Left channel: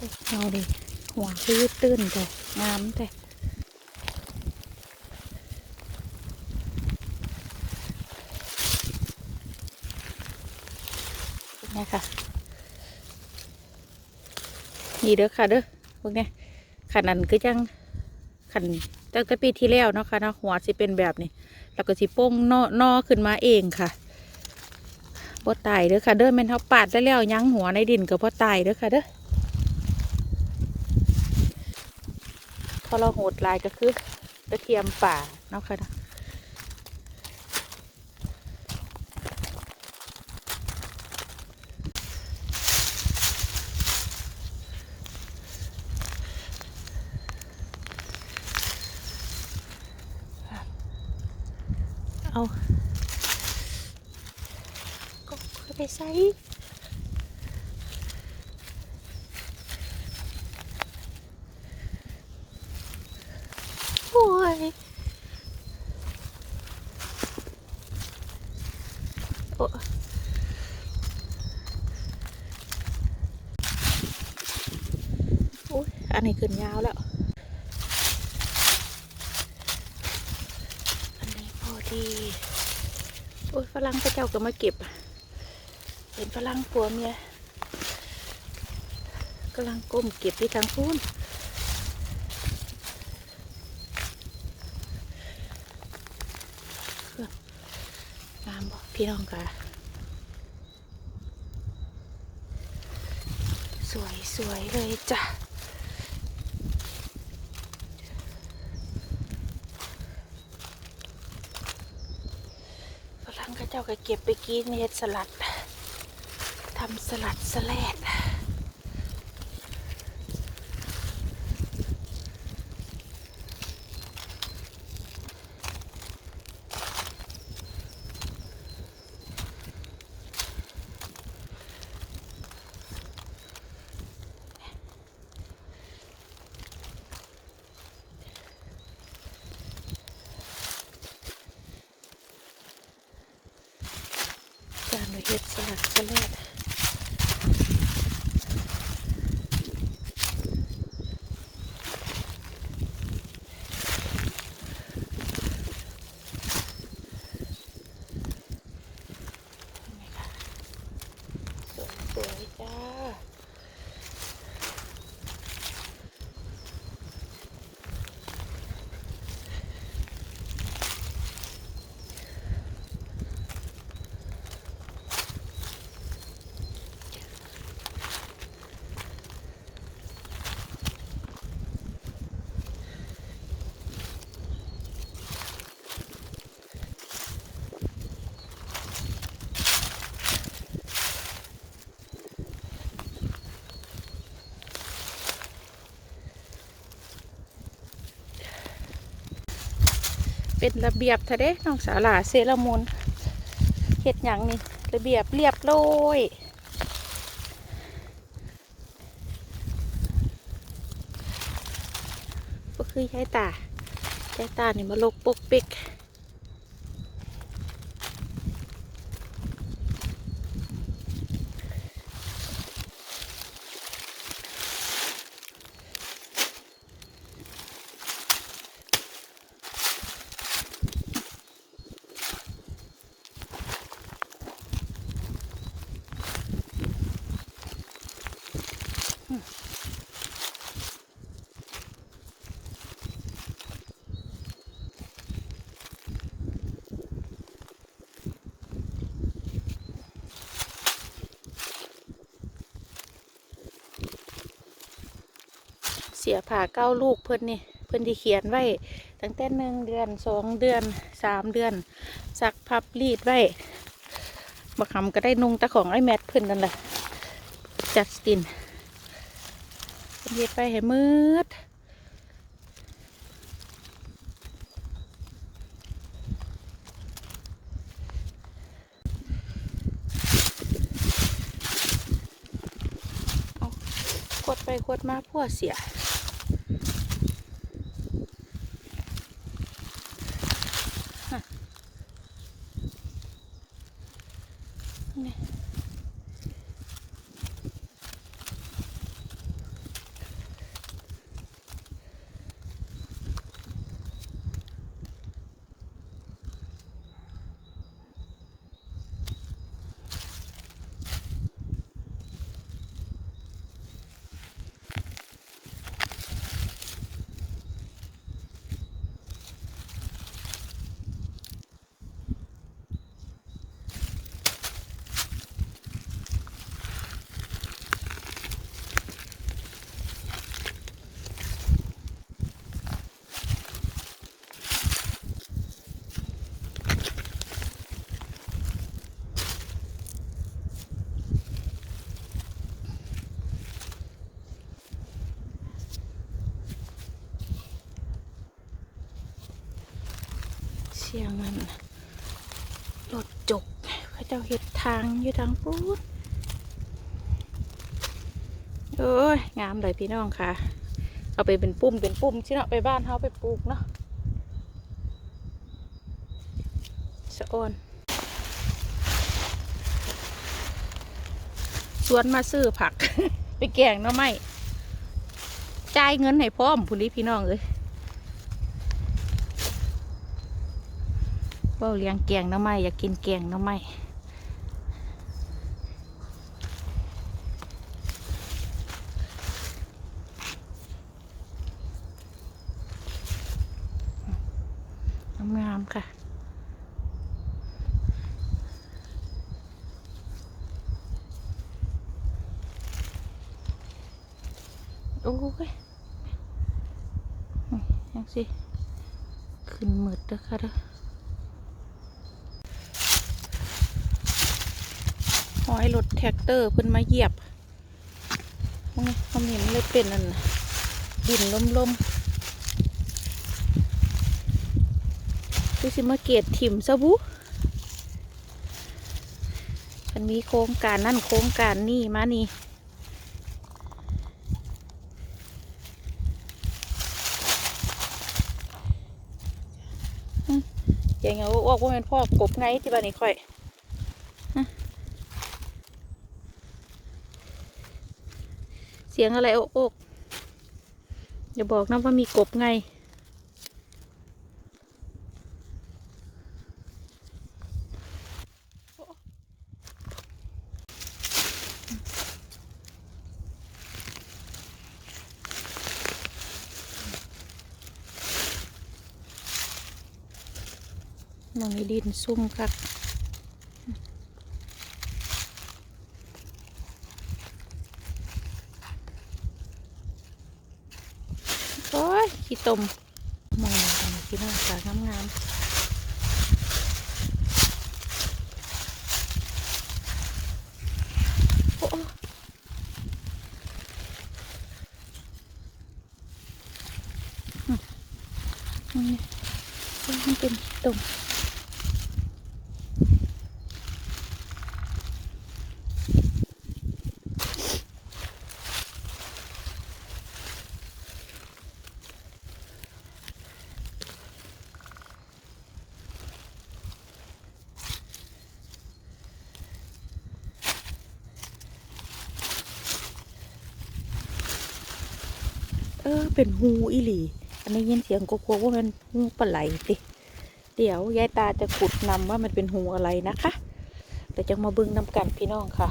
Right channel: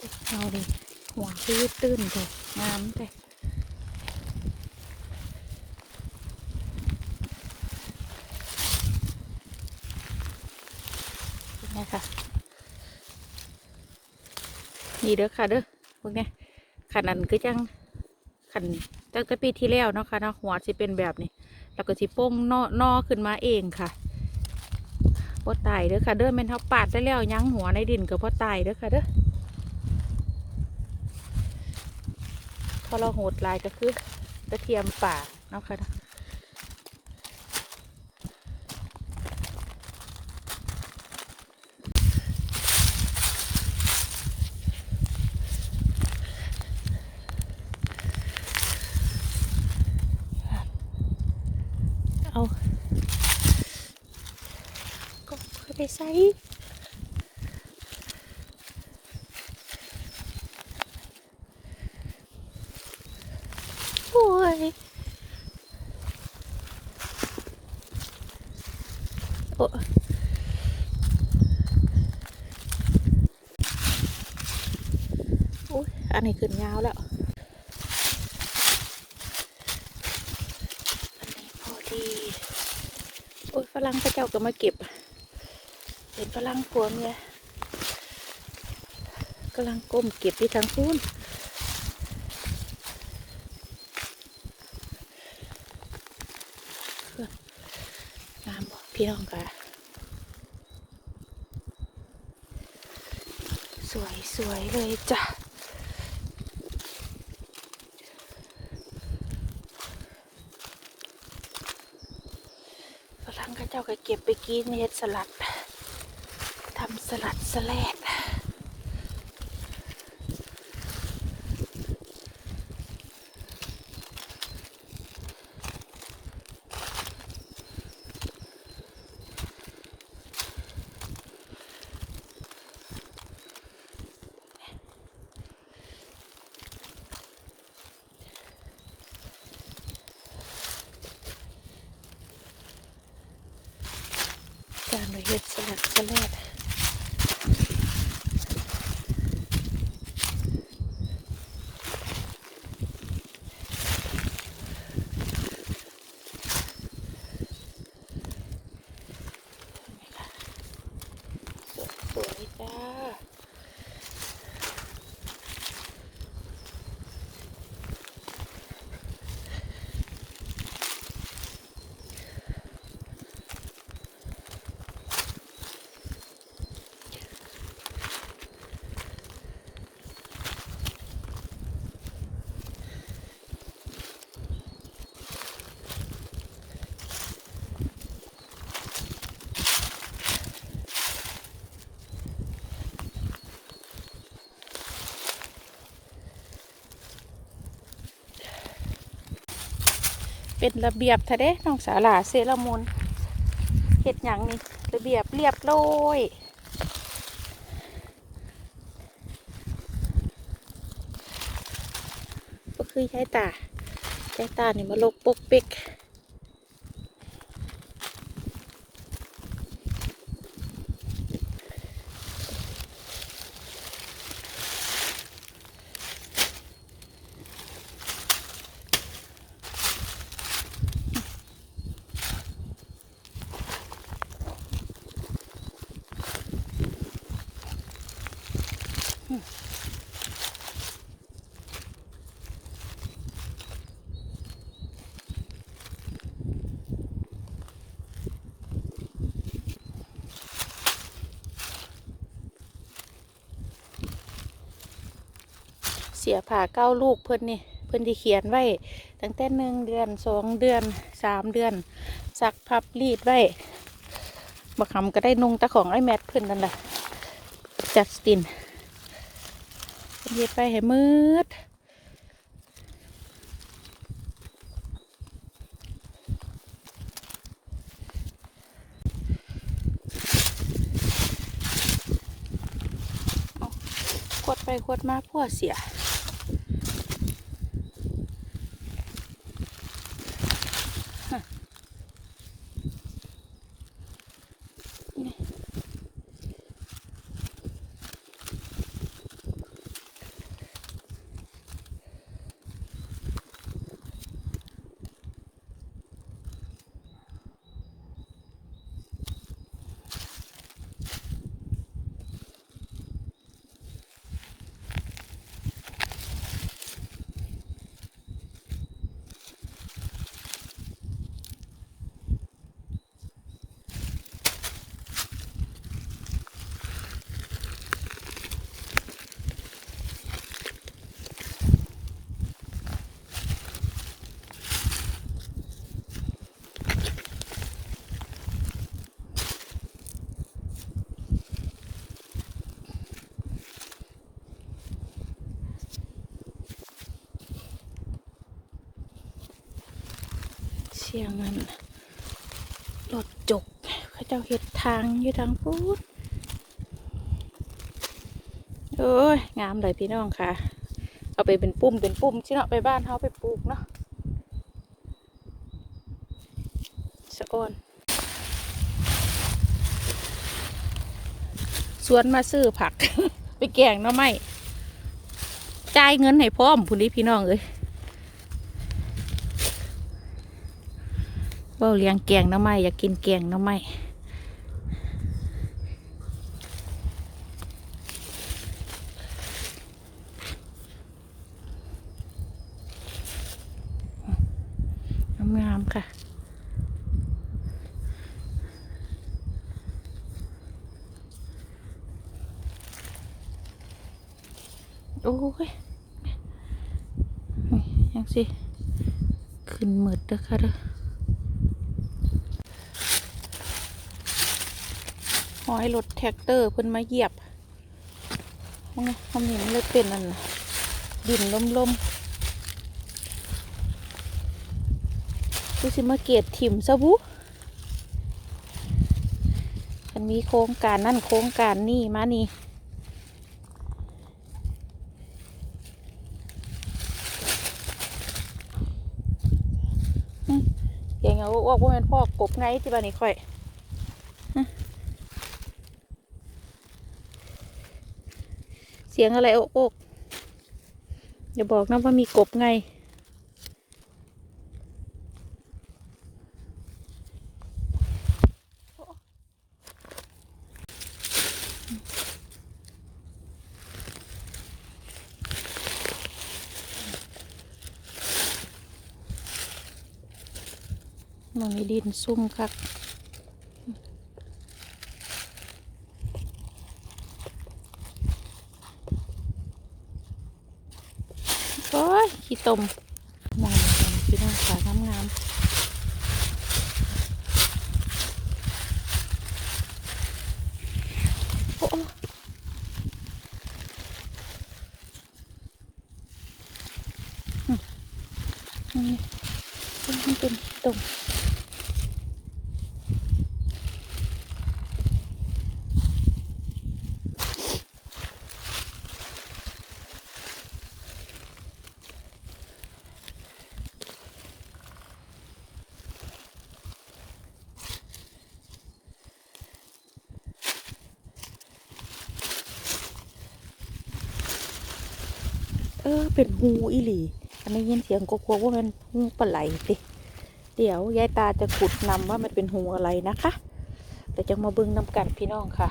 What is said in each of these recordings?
เอาดิหัวที่ยืดตื้นจ้ะงามแต่นี่ค่ะนี่เด้อค่ะเด้อพวกนี้ขันอันก็ยังขันตั้งแต่ปีที่แล้วเนาะค่ะนะหัวสิเป็นแบบนี้ แล้วก็สิโป้งนอนอขึ้นมาเองค่ะพ่ตายเด้อค่ะเด้อแม่นเขาปาดได้แล้วยั้งหัวในดินกับพ่ตายเด้อค่ะเด้อ พอเราโหดลายก็คือกระเทียมป่าเนาะค่ะเนาะเอาก็เอาไปใส่โอ้ยโอ้อุ๊ยอันนี้ขึ้นยาวแล้วอันไหนพอดีโอ้ยฝรั่งพระเจ้าก็มาเก็บ เห็นฝรั่งผัวเมียกำลังก้มเก็บที่ทางฟูนเพื่อนงามบอก พี่น้องค่ะสวยสวยเลยจ้ะฝรั่งก็เจ้าก็เก็บไปกินเฮ็ดสลัดทำสลัดสลัดจานเฮ็ดสลัดสลัดสวยๆจ้า เป็นระเบียบทะเด้น้องสาหลาเซรามุนเห็ดหยังนี่ระเบียบเรียบร้อยก็คือใช้ตาใช้ตานี่มาลกปกปิก เสียผ่าเก้าลูกเพิ่นนี่เพิ่นที่เขียนไว้ ตั้งแต่หนึ่งเดือนสองเดือนสามเดือน สักพับรีดไว้บักคำก็ได้นุ่งตะของไอ้แมทเพิ่นนั่นแหละจัดสตินเพิ่นเฮ็ดไปให้มืดขวดไปขวดมาพ่อเสีย สียงมันรถจกเขาเจ้าเห็ดทางอยู่ทางพูดโอ้ยงามเลยพี่น้องค่ะ เอาไปเป็นปุ่มเป็นปุ่มที่เนาะไปบ้านเขาไปปลูกเนาะสะออนสวนมาซื้อผัก ไปแกงหน้ำไม้จ่ายเงินให้พร้อมพุ่นนี้พี่น้องเลย เว่าเลี้ยงแกงน้ำไม้อยากกินแกงน้ำไม้งามๆค่ะโอ้ยยังสิ ขึ้นหมืดเด้อค่ะเด้อ หอยรถแท็กเตอร์เพิ่นมาเหยียบมองคำเห็นเลยเป็นอันน่ะดินลมๆที่สิมาเกตถิ่มซะบุมันมีโครงการนั่นโครงการนี่มานี่ย่างเงี้ยออกว่าเป็นพ่อกบไงที่บ้านนี้ค่อยฮะเสียงอะไรโอกโอกอย่าบอกนะว่ามีกบไงมันดินซุ่มครับ โอ้ย ขี้ ตมมองกันี้พี่น้องสางงามๆโอ้มนี่มันเป็นตม เป็นหูอีหลี อันนี้ยินเสียงก็ก้ว่ามันหูปลาไหลติเดี๋ยวยายตาจะขุดนำว่ามันเป็นหูอะไรนะคะแต่จะมาเบึงนำกันพี่น้องค่ะ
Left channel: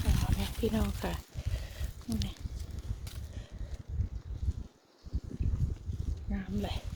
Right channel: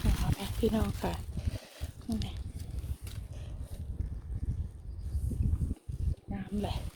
เอาละพี่น้องค่ะนี่ไง น้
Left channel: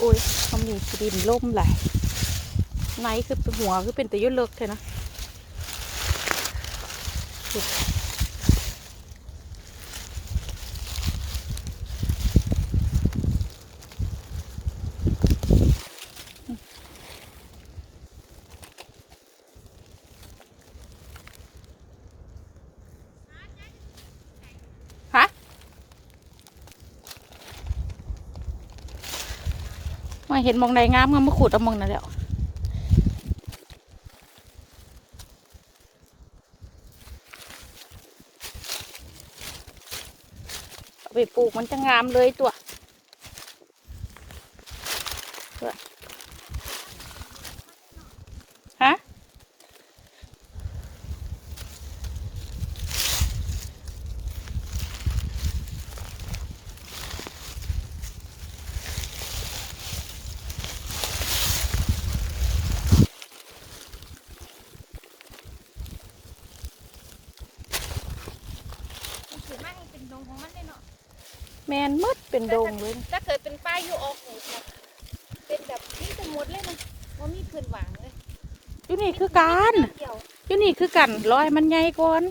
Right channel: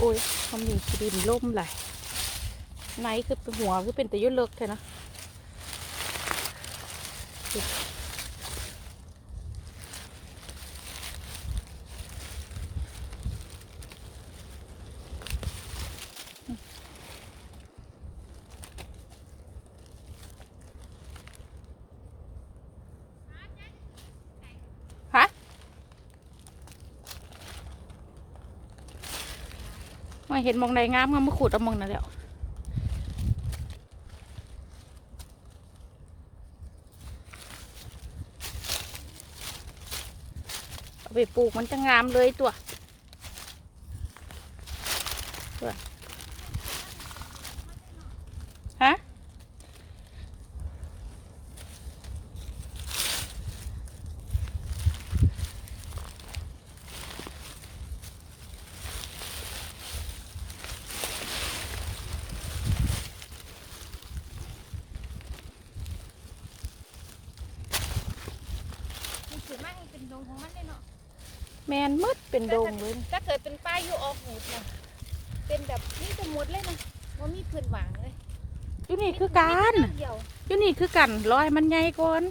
โอ้ยทำหนึ่งดินล่มไหลายไหนคือหัวคือเป็นตะยุ่เลิกเท่เนาะ เห็นมองใดงามก็มาขุดเอามองนั่นแหล้วเอาไปปลูกมันจะงามเลยตัวฮะ มันถือไม่ให้เป็นดงของมันได้เนาะ แมนมื ดเป็นดงเลยถ้าเคยเป็นป้ายอยู่ออกหูนะเป็นแบบนี่เป็นมดเลยนะว่ามีเพื่อนหวังเลยอยู่นี่คือการมีเดียวอยู่นี่คือกันร้อยมันใหญ่ก่อน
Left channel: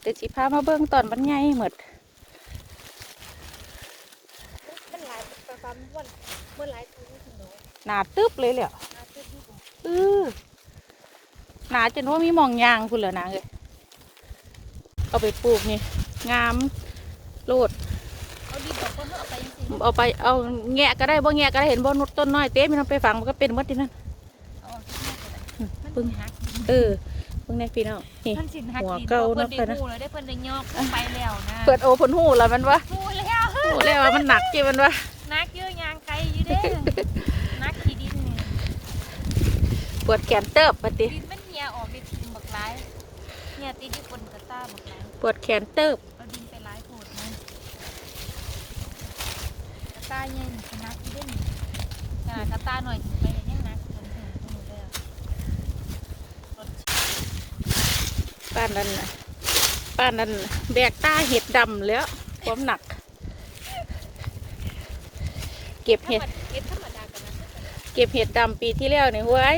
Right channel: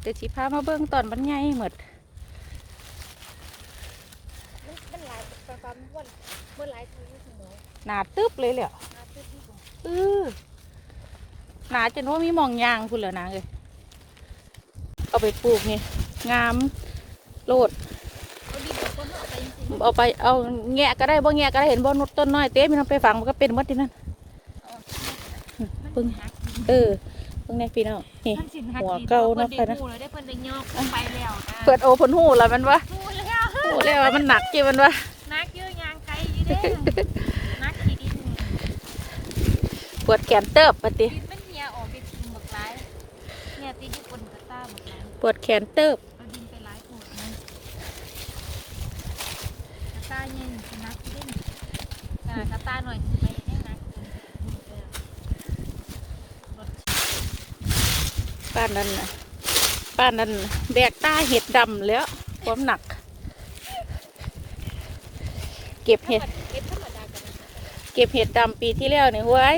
เดี๋ยวสิพามาเบิ่งตอนมันใหญ่หมดมันมันหลายประฟันวันเมื่อหลายทีนี่ถึงเนาะหนาตึ๊บเลยแหละอาทิตย์ที่สองเออหนาจนว่ามีหมองยางคุณเหรอนะเลยเอาไปปลูกนี่งามโลด เอาดีบอกเขาเนาะเอาไปเอาไปเอาแงะก็ได้บ่แงะก็ได้เห็นบ่นดต้นน้อยเต้มันเอาไปฝังมันก็เป็นหมดที่นั่นมันสิหักดินเออเพิ่งได้พี่น้องนี่มันสิหักหัวดินเก่าพอนะเพิ่นเพิ่นได้นะหูแล้วได้เพิ่นได้ยอกไปแล้วนะเปิดโอผลหูแล้วมันวะหูแล้วโอ้แล้วว่ามันหนักเกี่มันวะนักเยอะยางไกลอยู่เด้นักขี้ดินปวดแขนเติบปะติดินมันเหี่ยออกดินทิมบักหลายเหี่ยติดอยู่บนกระต้ามปวดแขนเติบ เอาดินไปหลายถูกนะกระต้าใหญ่ชนะที่ได้หนึ่งขนาดกระต้าหน่อยสิไปให้นักคนแก่ที่นี่แล้วรถป้านั้นนะป้านนั้นแบกตาเห็ดดำแล้วความหนัก เก็บเห็ด เก็บเห็ดดำปีที่แล้วเนี่ยเว้ย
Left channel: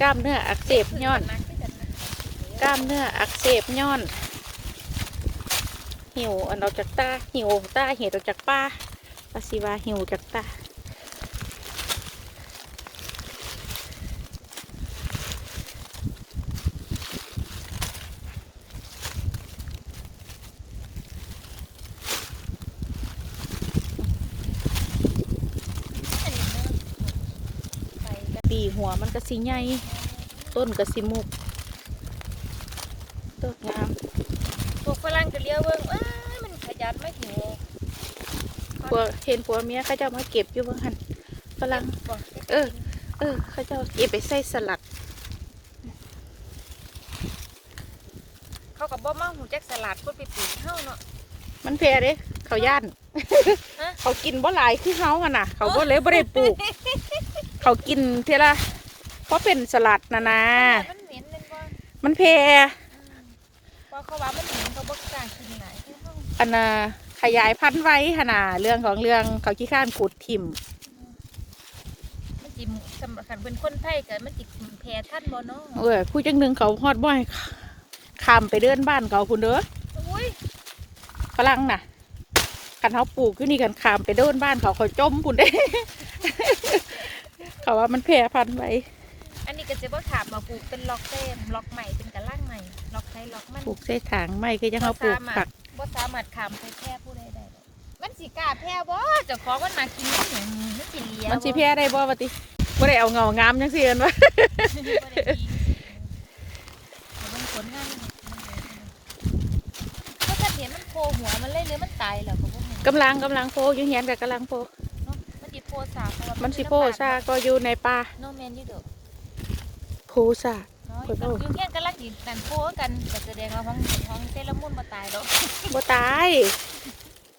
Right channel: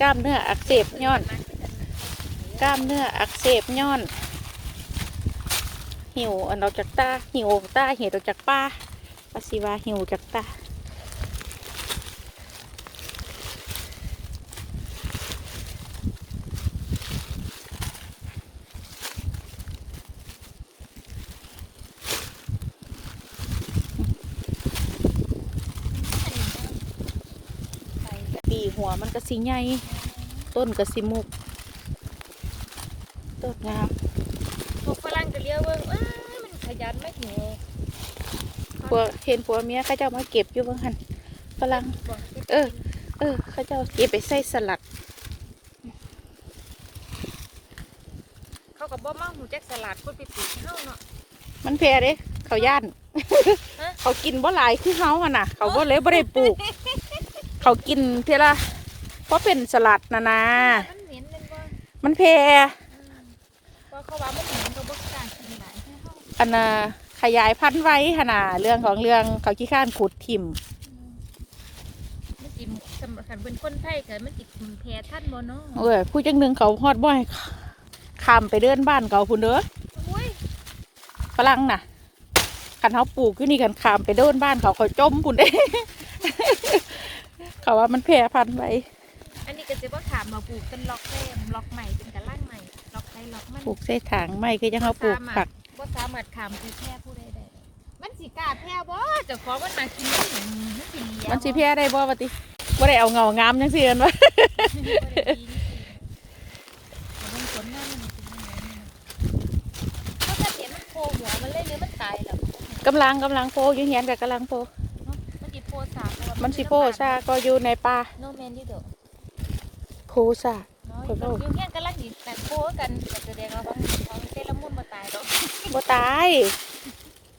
กล้ามเนื้ออักเสบย้อน กล้ามเนื้ออักเสบย้อน หิวออกจากตาหิวตาเห็ดออกจากป้าปาสิวาหิวจากตา หัวมันก็สีใหญ่ต้นก็สีมุกตกงามพวกฝรั่งจะเลี้ยวเบิ่งอ้ายมันขยันไม่ถึงเลยผัวเห็นผัวเมียเขาเจ้ามาเก็บอยู่บ้างหันฝรั่งบอกเออ เออเขาเจ้าเก็บไปใส่สลัด เขากับบ่มาหูแจ็คสลัดก็ไปปลูกเฮาเนาะมันแพร่เด้เขาย่าน เขากินบ่หลายที่เฮาอะน่ะ เขาบ่เลยบ่ได้ปลูก เขากินเท่าละเพราะเป็นสลัดนะนะมันเหม็นเลยว่ามันแพร่ว่าเขาว่ามันเหม็นเขาบ่กล้ากินหลายเฮาอันน่ะขยายพันธุ์ไว้ขนาดเรื่องของเรื่องเขาขี้ข้านขุดถิ่มมันจิมสำคัญเป็นคนไทยกันมันอีกถึงแพ้ท่านบ่เนาะเอ้ยผู้จังหนึ่งเขาฮอดบ่อยข้ามไปเดินบ้านเขาพุ่นเด้อโอ้ยฝรั่งน่ะคันเขาปลูกอยู่นี่กันข้ามไปเดินบ้านเขาเขาจมพุ่นเด้ เขาว่ามันแพร่พันธุ์ไว้อันนี้ก็จะว่าขามมาปลูกเป็นล็อกเส้นล็อกใหม่เป็นกระล่างใหม่ล็อกไทยล็อกมันปลูกใส่ถังไม่คือยังเขาปลูกผักบ่สามารถขามไปแพร่ผู้ใดได้มันสิกล้าแพร่บ่เจ้าของมันมากินได้หนิมันสิเลี้ยมันสิแพร่ได้บ่วะติบ่ได้เอาเงางามจังซี่กันวะมันบ่ได้ดีแต่เบิ่งผลงานมันเป็นยังไงเขาจะเห็นมันโผล่หัวมันเลยหรือมันตายแล้วบ่รู้กำลังกำลังโพอยู่เหียนกับกำลังโพ เนาะมันสิโผล่สากเอามันสิโพซาก็อยู่ในป่าโนแมนอยู่เด้อโพซาน้อยข่อยเว้ามันเพียงกันลักสิกันโผล่กันก็แสดงว่าของของเซรามุนบ่ตายดอกบ่ตาย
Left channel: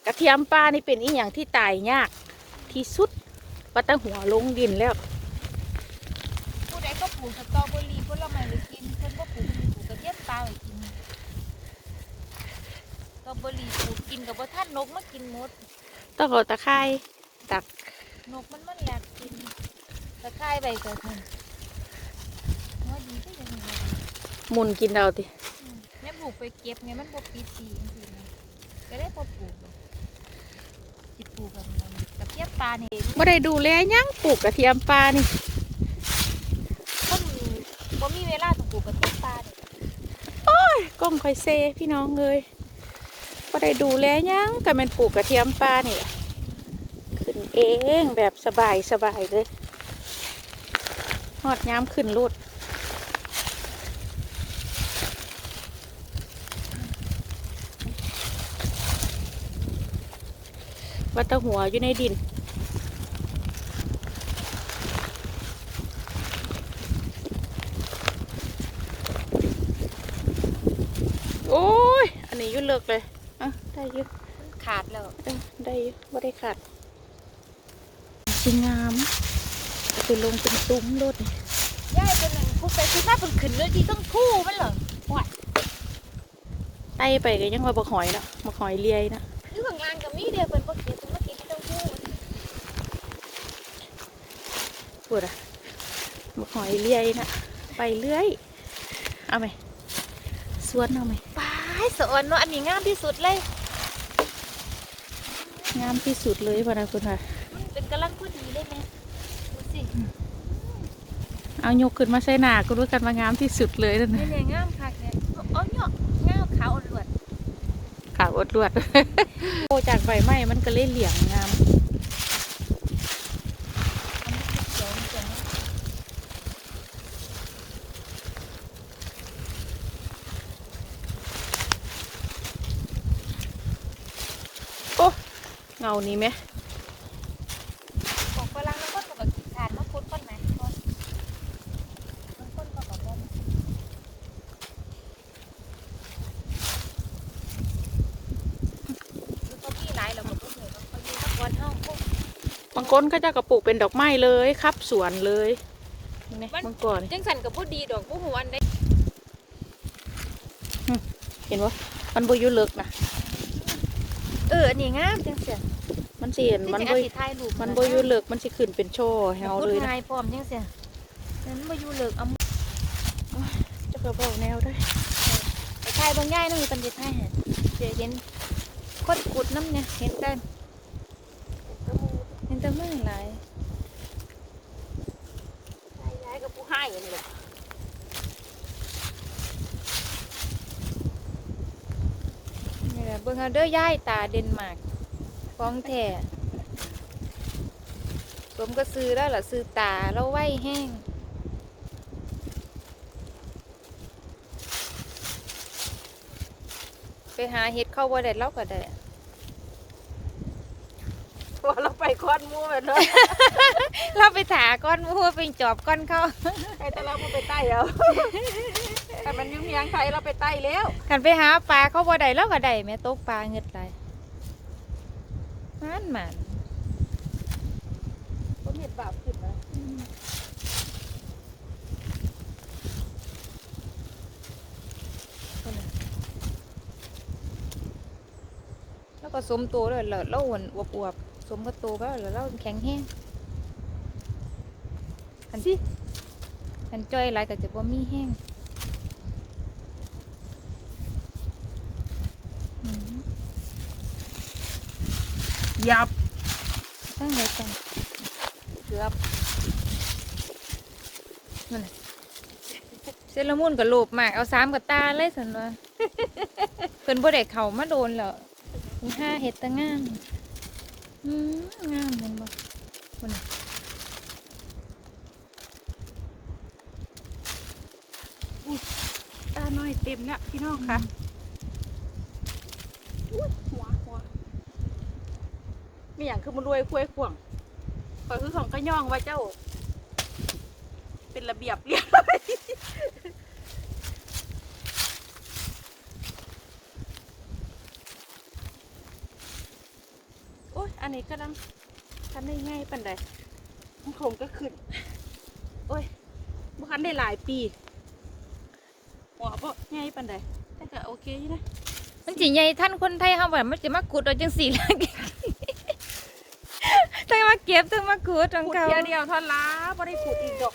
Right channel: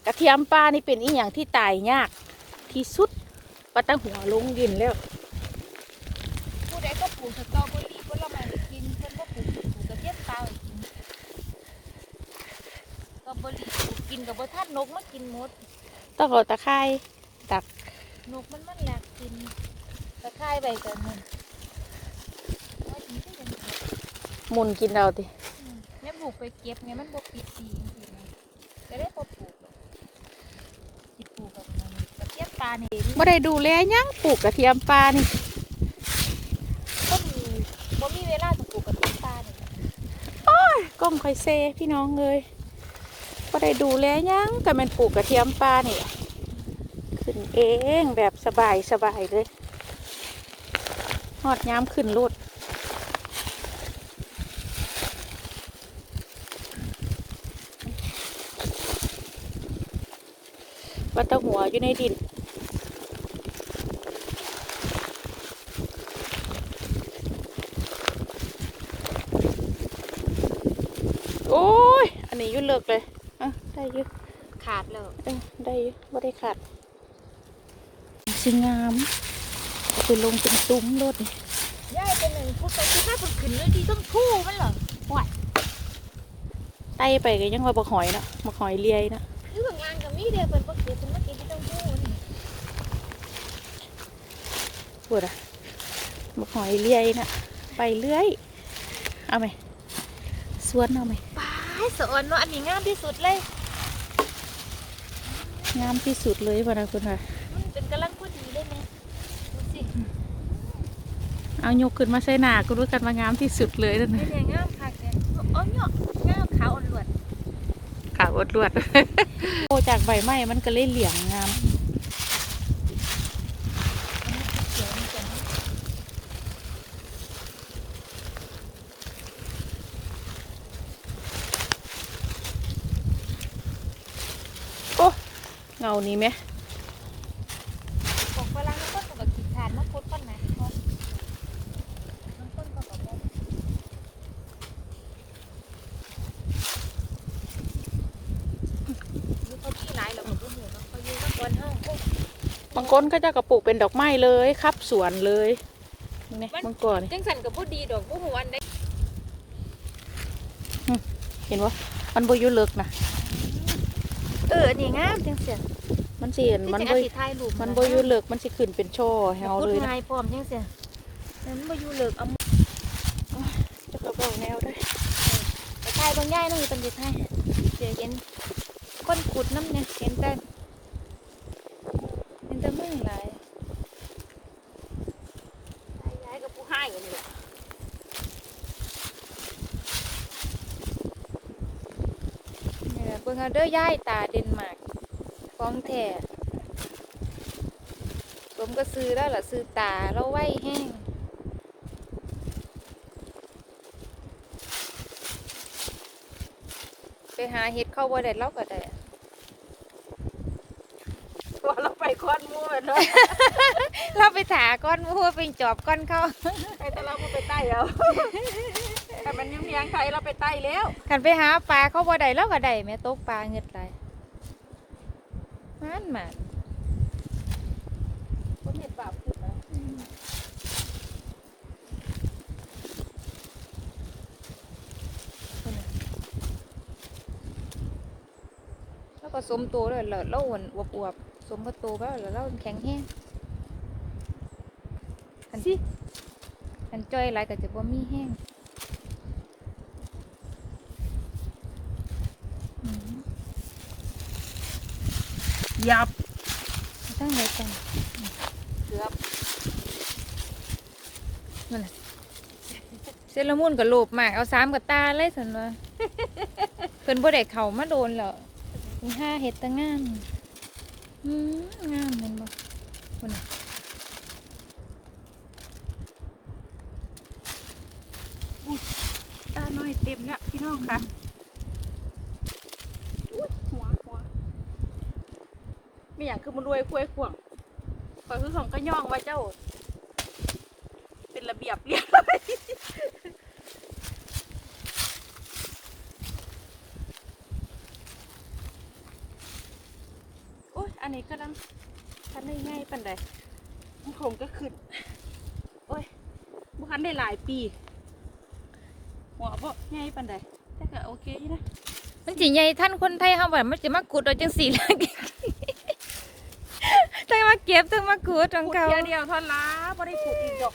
กระเทียมป่านี่เป็นอีหยังที่ตายยากที่สุดว่าตั้งหัวลงดินแล้วผู้ใดก็ปลูกสตรอเบอรี่ผลไม้ไว้กินคนก็ปลูกปลูกกระเทียมตายไว้กินสตรอเบอรี่ปลูกกินกับบ่ทันนกมากินหมดต้องเอาตะไคร้ดัก นกมันมันอยากกินตะไคร้ใบก่อนมันแล้วดีที่ยังไงหมุนกินเอาติแม่ปลูกไปเก็บไงมันบ่ปิดสีจังซี่นะก็ได้บ่ปลูกบ่สิปลูกกันไงกระเทียมปลานี่บ่ได้ดูแลหยังปลูกกระเทียมป่านี่คนบ่มีเวลาสิปลูกกระเทียมปลานี่กล้องคอยเซพี่น้องเลยบ่ได้ดูแลหยังก็แม่นปลูกกระเทียมป่านี่ล่ะ ขึ้นเองแบบสบายสบายเลยหอดย้ำขึ้นรถวัดตะหัวอยู่ในดินโอ้ย อันนี้อยุ่เลิกเลยอะได้อยุ่ขาดแล้วเออได้อยุ่ว่าได้ขาด สวยงามเอาไปลงเป็นซุ้มรถน่าจะหนึ่งผู้ใส่คือหน้าเป็นขึ้นเลยที่ต้องพูมันเหรอหวดไต่ไปก็ยังว่าบักหอยเนาะบักหอยเลียยนะคือข้างล่างกับมีเดียวเป็นปกติเป็นปกติที่ต้องพูปวดอะบักหอยเลียยนะไปเรื่อยเอาไหมสวนเอาไหมป้ายสอนว่าอันนี้งามที่สุดเลยงามที่สุดเลยพะนะคุณค่ะ มันเป็นกำลังพอดีเลยไหมดูสิเอายกขึ้นมาใส่หนาก็รู้กันว่างามที่สุดเลยนั่นนี่นะเนี่ยงามคักเนี่ยอ๋อเนาะงามขาวอ่อนหลวดขาวอดลวด โอจากใบไม้มันก็เลยเหลืองงาม สวยจังโอ้เงานี้ไหม ดอกฝรั่งก็กับกินทานมาพุดต้นไหนต้นลูกก็พี่หลายแล้วมันก็เหมือนเขาอยู่วันเท่าพวก บางคนก็จะกระปลูกเป็นดอกไม้เลยครับสวนเลยนี่ไงบางก่อนจังสันกับผู้ดีดอกผู้หัวอันได้เห็นว่ามันบอยุเลิกนะเอออันนี้งามจังเสียมันเสียนมันที่บจะอเอาสิถ่ายรูปมันบอยุเลิกมันสิขึ้นเป็นช่อแฮวเลยนะนะนายพร้อมจังเสียนั้นบ่อยู่เลิกเอาจะกระบอกแนวด้วยไปถ่ายบางย่ายนั่นมีตำรวจถ่ายหาเดี๋ยวเห็นคนขุดน้ำเนี่ยเห็นแต่ เห็นแต่มือหลายย้ายกับผู้ให้กันเลยนี่แหละเบิ่งเอาเด้อย่ายตาเดนมาร์กของแท้ผมก็ซื้อแล้วล่ะซื้อตาแล้วไว้แห้งไปหาเห็ดเข้าบ่ได้เราก็ได้ ว่าเราไปคอนมูเลยเนาะเราไปถาก้อนมัวเป็นจอบก้อนเขาไอ้แต่เราไม่ไปใต้แล้วแต่มันยังยังไทยเราไปใต้แล้วขันไปหาปลาเขาบ่ได้เราก็ได้แม่ตกปลาเงึดไหลายมันมันคนเห็นบาปขึ้นนะแล้วก็สมตัวเลยแล้วเราอ้วนอวบอวบๆ สมกับตัวไปแล้วเราแข็งแห้งขันสิขันจ้อยหลายก็จะบ่มีแห้งอืมยับตั้งไหนก่อนเกือบเซเลอรามูนกับโลบมาก เอาสามกับตาเลยสันว่าเพิ่นบ่ได้เข้ามาโดนแล้วมีห้าเฮ็ดแตะงามอืม งามม่นบ่คนตาน้อยเต็มแล้วพี่น้องค่ะอุ้ยหัวหัวไมีอย่างคือมันรวยคุ้ยข่วงขอยคือของก็ย่องว่าเจ้า เป็นระเบียบเรียบร้อยโอ้ย อั นนี้กำลังทันได้ง่ายปันใดมันคงก็ขึ้น โอ้ยบุคันได้หลายปีหัวบ่ง่ายปันใดแต่ก็โอเคอยู่นะมันสิใหญ่ท่านคนไทยเฮาว่ามันสิมาขุดเอาจังซี่แหละทั้งมาเก็บทั้งมาขุดของขุดเขาเดียวเดียวเท่าล้าบ่ได้ขุดอีกดอก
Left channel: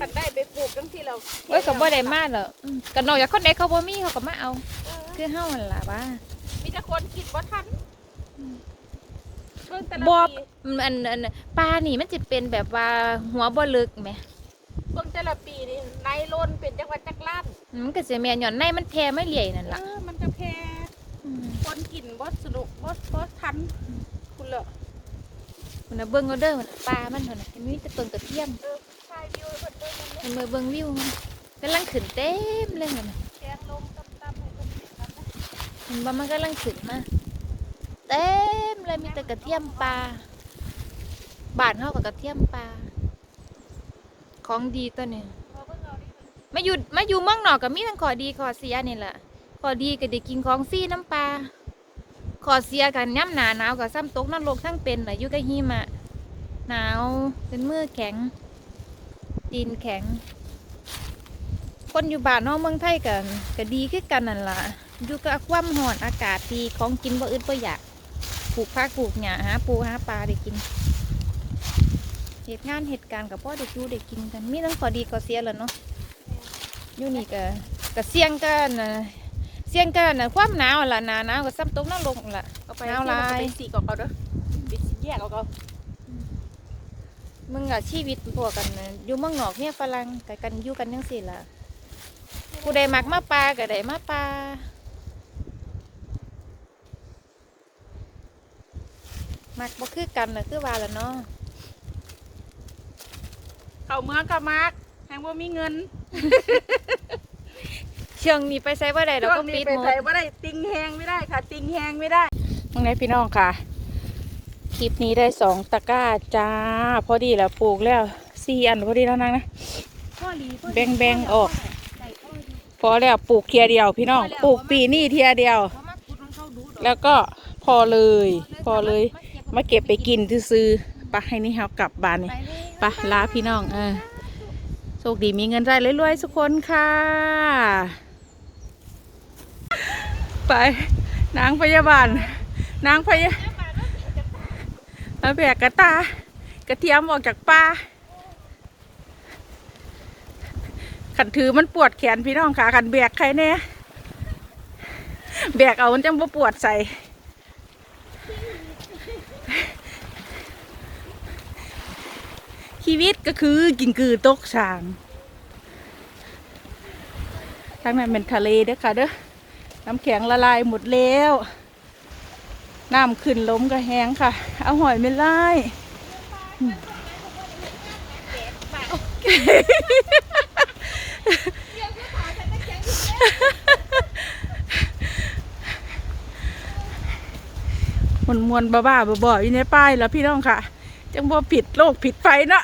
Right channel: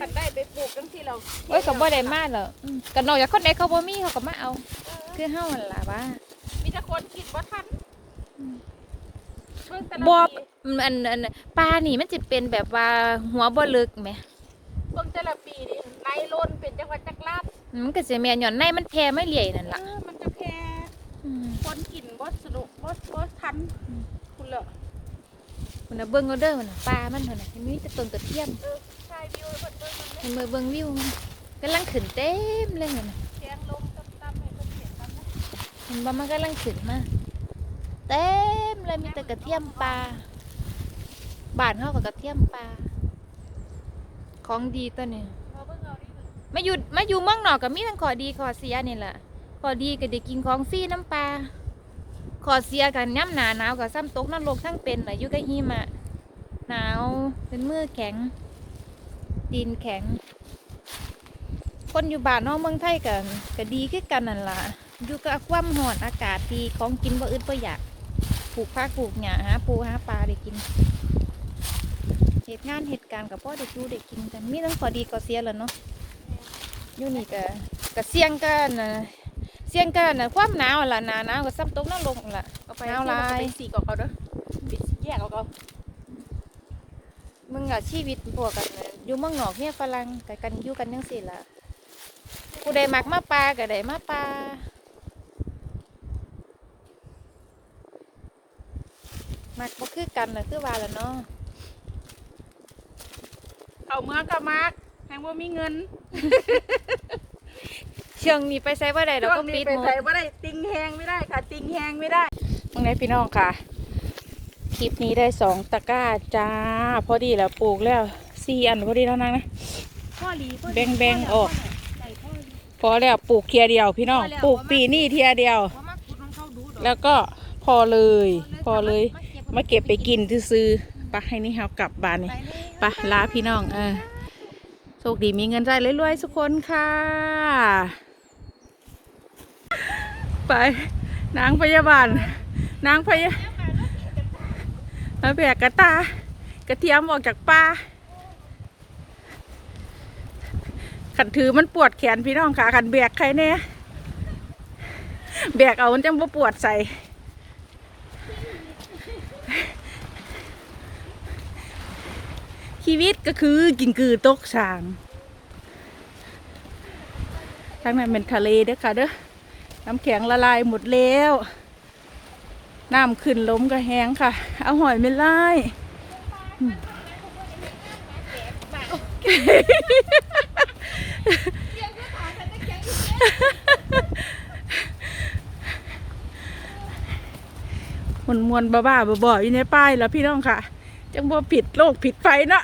กันได้ไปปลูกจังที่เราโอ้ยก็บ่ได้มาหรอกอืมก็นอกจากคนใดเขาบ่มีเขาก็มาเอา คือเฮานั่นล่ะว่ามีแต่คนกินบ่ทันอืม เบิ่งแต่ละบ่ปีอืมอันอันปลานี่มันสิเป็นแบบว่าหัวบ่ลึกแหมเบิ่งแต่ละปีนี่ในล้นเป็นจังหวัดจักรลาดมันก็สิแม่นหย่อนในมันแผ่ไม่เลี่ยนั่นเอล่ะอมันจะแพ้อืมคนกินบ่สนุกบ่บ่ทันอืมคุณเหรอมันน่ะเบิ่งเอาเด้อมันน่ะปลามันเท่านั้นมันมีแต่ต้นกระเทียมมันมาเบิ่งวิวมันกำลังขึ้นเต็มเลยมันน่ะเห็นบ่มันกำลังขึ้นมาเต็ มีแต่กระเทียมปลาบานเฮากับกระเทียมปลาของดีตัวนี้มาอยู่มาอยู่เมืองนอกก็มีทั้งขอดีขอเสียนี่แหละขอดีก็ได้กินของฟรีน้ำปลาขอเสียกันย่ำหนาหนาวกับซ้ำตกนรกทั้งเป็นน่ะยู่กับหิมะหนาวเป็นมือแข็ง ดินแข็ง คนอยู่บ้านนอกเมืองไทยกันก็ดีคือกันนั่นล่ะอยู่กับความร้อนอากาศดีของกินบ่อึดบ่อยาก ปลูกผักปลูกหญ้าหาปูหาปลาได้กินเหตุงานเหตุการณ์กับพ่อได้อยู่ได้กินกันมีทั้งข้อดีข้อเสียแหล้วเนาะอยู่นี่ก็ก็เสี่ยงกันนะเสี่ยงกันนะความหนาวล่ะหนาหนาวก็ซ้ำตกนรกล่ะเอาไปเอาลายไปสีกเอาเด้อไปสีแยกเอาเอามึงอะชีวิตพวกกันน่ะอยู่เมืองนอกเนี่ยฝรั่งกันกันอยู่กันยังสิล่ะกูได้มักมาปลาก็ได้มาปลา มักบ่คือกันน่ะคือว่าละเนาะเอาเมืองกับมากแหงว่ามีเงินเชียงนี้ไปใส่ว่าใดเราก็ปิดไปหมดใส่ว่าได้ติงแหงไม่ได้ค่ะ ติงแหงไม่ได้มึงไงพี่น้องค่ะ คลิปนี้ได้สองตะกร้าจ้า พอดีแล้วปลูกแล้วสี่อันพอดีแล้วนางนะพ่อลีแบ่งแบ่งออกพอแล้วปลูกเทียเดียวพี่น้องปลูกปีนี่เทียเดียว แล้วก็พอเลย พอเลย มาเก็บไปกินซื้อๆปะให้นี่เฮากลับบ้านนี่ปะลาพี่น้องเออโชคดีมีเงินได้รวยๆทุกคนค่ะ ไปนางพยาบาล นางพยามาแบกกระตากระเทียมออกจากป่าขันถือมันปวดแขนพี่น้องค่ะขันแบกใครเนี่ยแบกเอามันจังบ่ปวดใส่ ชีวิตก็คือกินกือตกสางทางนั้นเป็นทะเลเด้อค่ะเด้อน้ำแข็งละลายหมดแล้วน้ำขึ้นล้มก็แห้งค่ะ เอาหอยไม่ไล่มวนมวนๆบ้าๆบ่ๆอยู่ในป้ายแล้วพี่น้องค่ะ จังบ่ผิดโลกผิดไฟเนาะ